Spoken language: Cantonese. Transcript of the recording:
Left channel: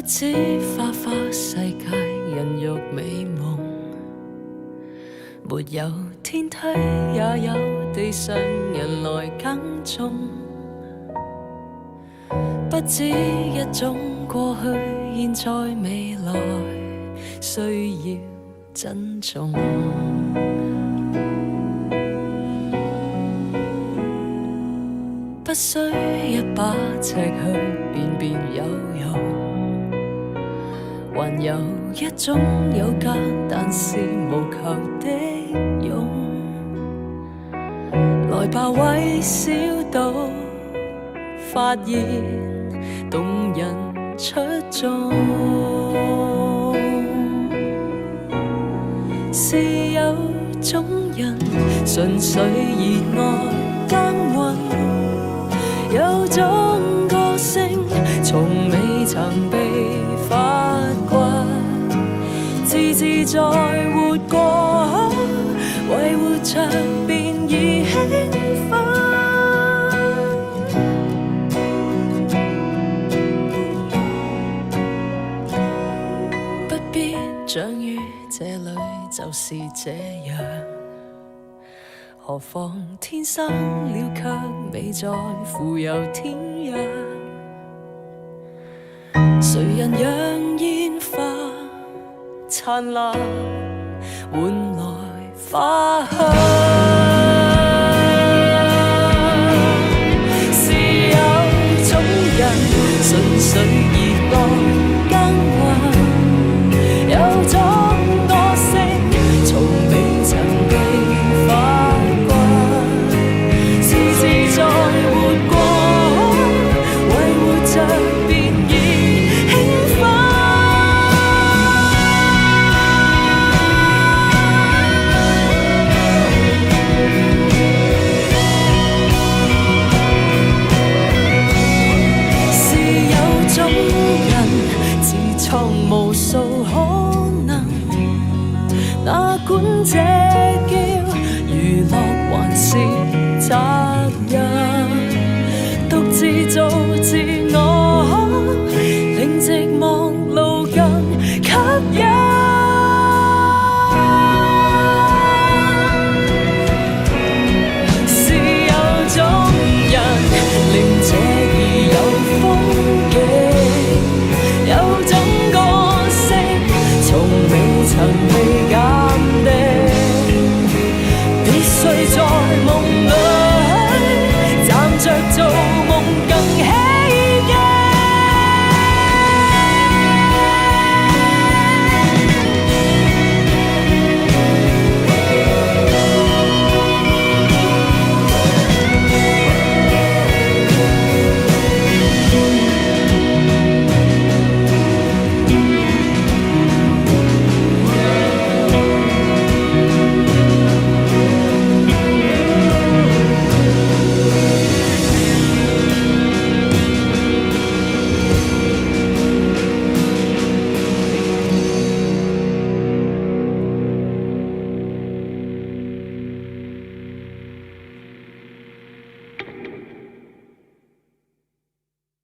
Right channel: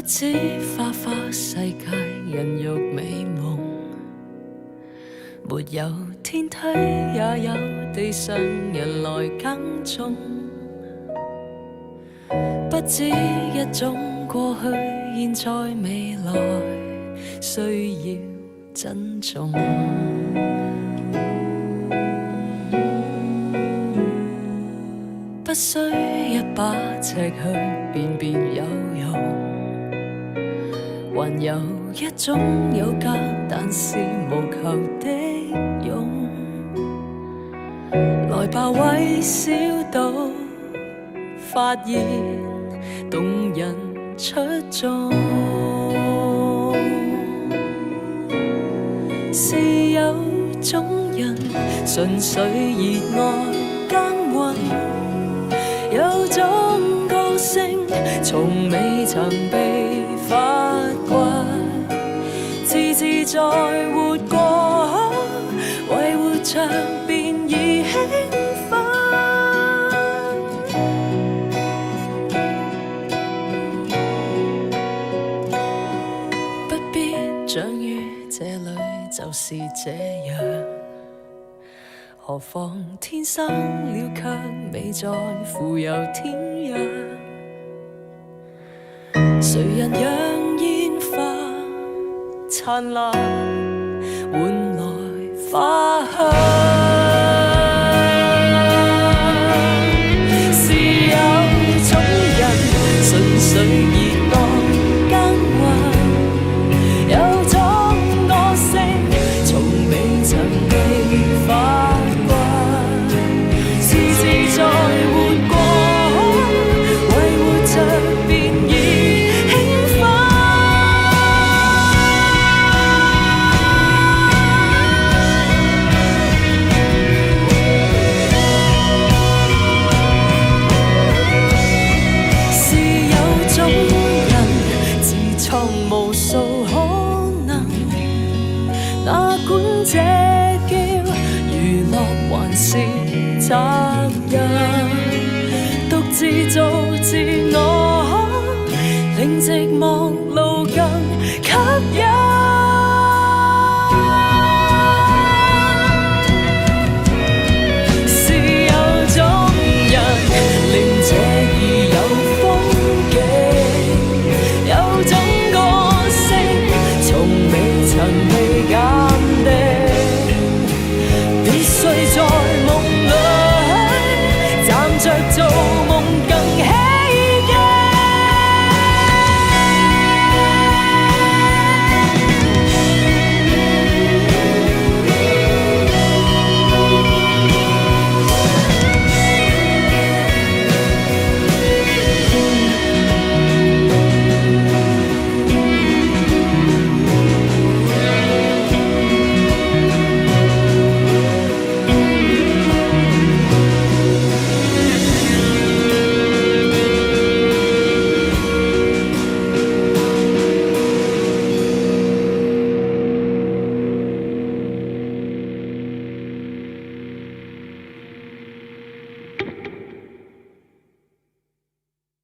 不知花花世界人欲美夢，沒有天梯也有地上人來耕種，不知一種過去現在未來需要珍重，不需一把尺去辨別有用，還有一種有價但是無求的勇，來吧微小到發現動人出眾，是有種人純粹熱愛耕耘，有種歌聲從未曾被發掘，自自在活過，為活着便已興奮，不必長於這裏就是這樣，何況天生了卻未在乎有天壤，誰人讓煙花燦爛換來花香，是有種人純粹熱愛耕耘，有種歌聲從未曾被發掘，自自在活過，為活着便已興奮，是有種人自創無數可能，哪管這叫娛樂還是責任，獨自做自我，令寂寞路更吸引，是有種人令這兒有風景，有種歌聲從未曾被